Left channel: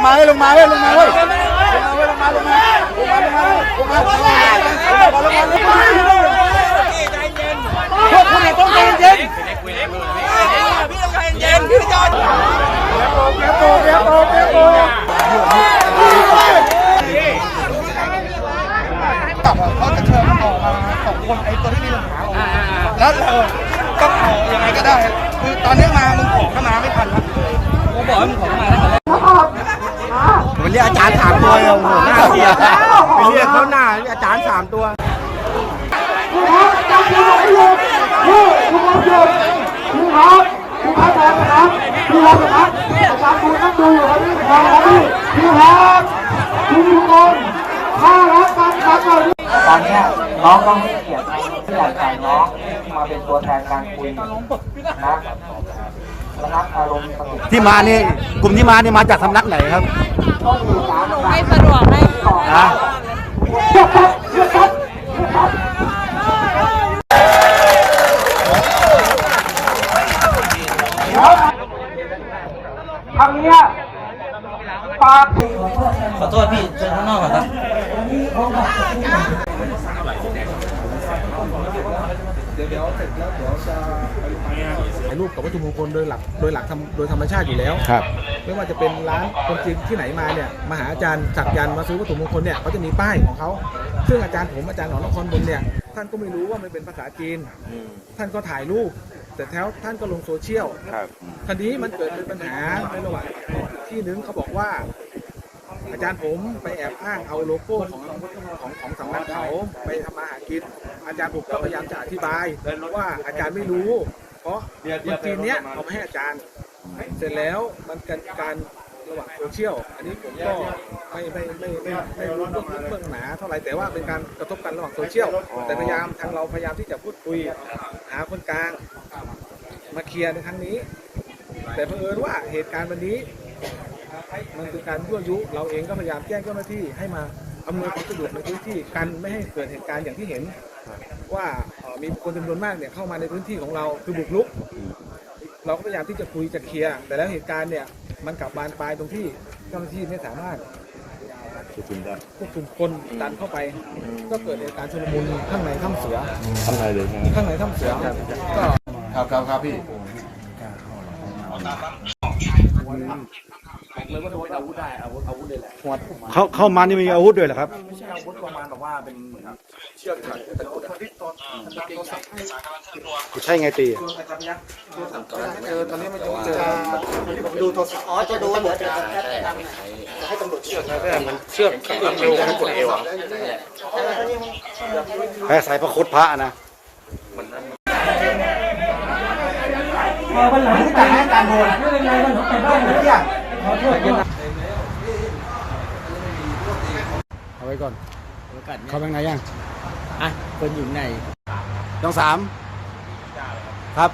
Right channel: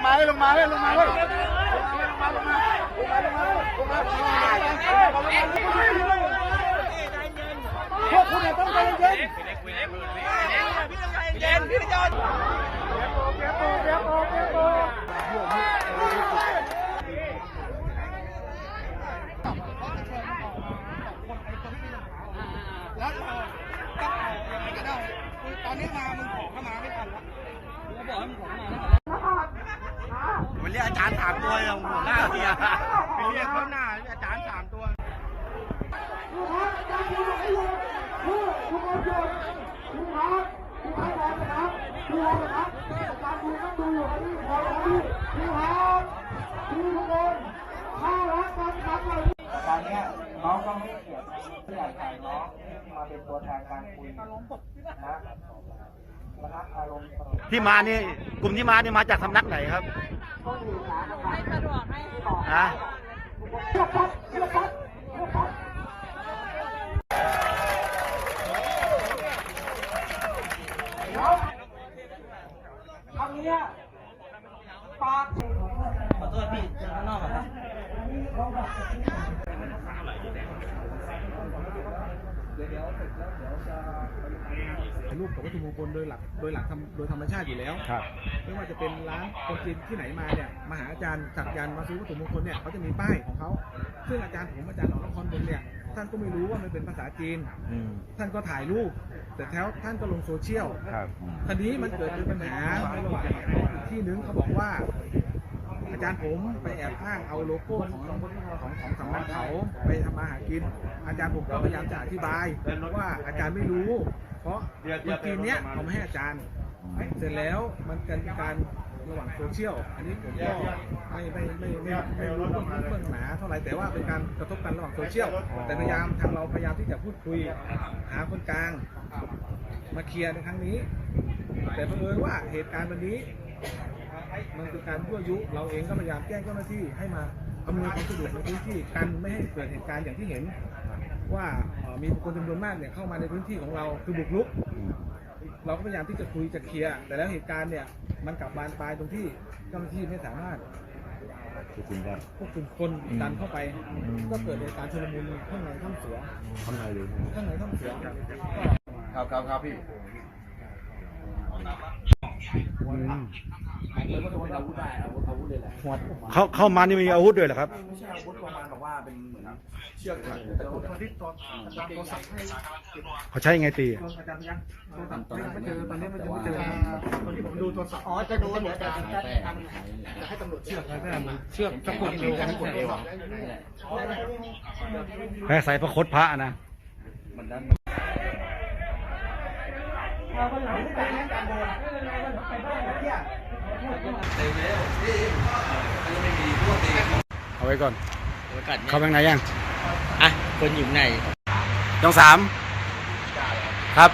งมาเฮ้ยลงมาเฮ้ยลงมาเฮ้ยลงมาเฮ้ยลงมาลงมาลงมาลงมาลงมาลงมาลงมาลงมาพวกคุณเนี่ต้องใจเย็นเย็นพี่จอนเปียโตเปียโตเปียโตเขาจะเชิญมันออกมาสองคนไอ้ตัวที่มีปัญหาออกมาแล้วเราต้องเอายังไงก็ได้คือตอนนี้มามึงขอเข้ามาไม่ทันแล้วมันเรียกอา จารย์สามตัวเอ้หน่าเสียไปเรียกเขาหน้าอาจารย์สามตัวผู้พักจับผู้พักหยุดผู้ผู้พักหยุดผู้พักผู้พักนอนะครับผู้พักนะครับประชาชนนั่งดูอยู่ครับพี่ครับพี่ผู้พักผู้ทุกคนข้ารักกันครับตอนนี้น้องต้องให้เกียรติผู้ใส่น้องมาเป็นตัวแทนการคุยนะ ที่มานี่กลุ่มที่มานี่มาจากสำนักไหนครับต้องสื่อสารไม่สะดวกให้อะครั้งเนี้ยปากถึงขอโทษพี่เชิญข้างนอกก่อน ครับถ่ายรูปกับวัตถุมงคลโดยหลักโดยหลักธรรมโดยธรรมชาติอยู่แล้ว ครับ ไม่ว่าจะเป็นร้านคนจีนที่ไหนมาเนี่ยมาหาอาจารย์สักยันต์มาซื้อวัตถุมงคลเนี่ยเขาจะมีป้ายของเขาซึ่งอาจารย์ผมอาจารย์หนอนครบนเนี่ยท่านก็ไม่รู้ว่ามันเป็นภาษาจีน ท่านก็ถ่ายรูปแต่แล้วท่านก็ลงโซเชียล ครับ คราวนี้มันเกิดเป็นปัญหาในระหว่างที่นึงเขาบอกว่า อาจารย์ผมไปแอบอ้างเอาโลโก้ของของของสำนักเขาไปทำมาหากิน อาจารย์ผมก็พยายามจะอธิบายว่าอาจารย์ไม่รู้ เพราะคนจีนเนี้ยเขาไม่ให้อาจารย์ เสร็จแล้วมันเกิดการระหว่างโซเชียล อันนี้ผมก็ไม่ไม่ไม่ไม่ไม่รู้เรื่องลึกเรื่องหนาเท่าไหร่แต่ว่าเป็นการกระทบกันระหว่างโซเชียล แต่พยายามทางเราพยายามที่จะพูดคุยหาคนกลาง มาเคลียร์ในครั้งนี้ แต่เผอิญว่าเหตุการณ์วันนี้ มันคือการยั่วยุ เราเองก็พยายามแจ้งเจ้าหน้าที่ให้มาอำนวยความสะดวกในพื้นที่กันไม่ให้เกิดเหตุการณ์อย่างที่เห็น ว่าเอ่อมีบุคคลจำนวนมากเนี่ยเข้ามาในพื้นที่ของเราคือบุกรุก เราก็พยายามที่จะคุยจะเคลียร์แต่แล้วเหตุการณ์เนี่ยมันกลับบานปลายตรงที่เจ้าหน้าที่ไม่สามารถควบคุมคนดันเข้าไป ก็เกิดเหตุการณ์ชุลมุนข้างในถ้ำเสือข้างในเลยข้างในถ้ำเสือก็ครับครับครับพี่ เลยว่าโดนอาวุธได้อาวุธอาวุธเลยแหละเขาเข้ามานี่มีอาวุธด้วยเหรอครับ ไม่ใช่อาวุธประมาณแบบว่าเป็นเหมือนเชือกถักตะกรุดอะเขาใช้ไงตีเจอตอนนี้มันยังไม่เจอดูโทรศัพท์อ๋อจะดูเหลือจะให้ตำรวจเชือกแค่มันเชือกแค่เอวแค่กดเอวอะแพ้สายพระคดพระนะวันหลังที่แต่งให้การโดนไม่เป็นไรวันหลังไปบ้าน เอาไว้ก่อน เข้าไปข้างในยัง อะ คนอยู่ไหนยองสาม ครับ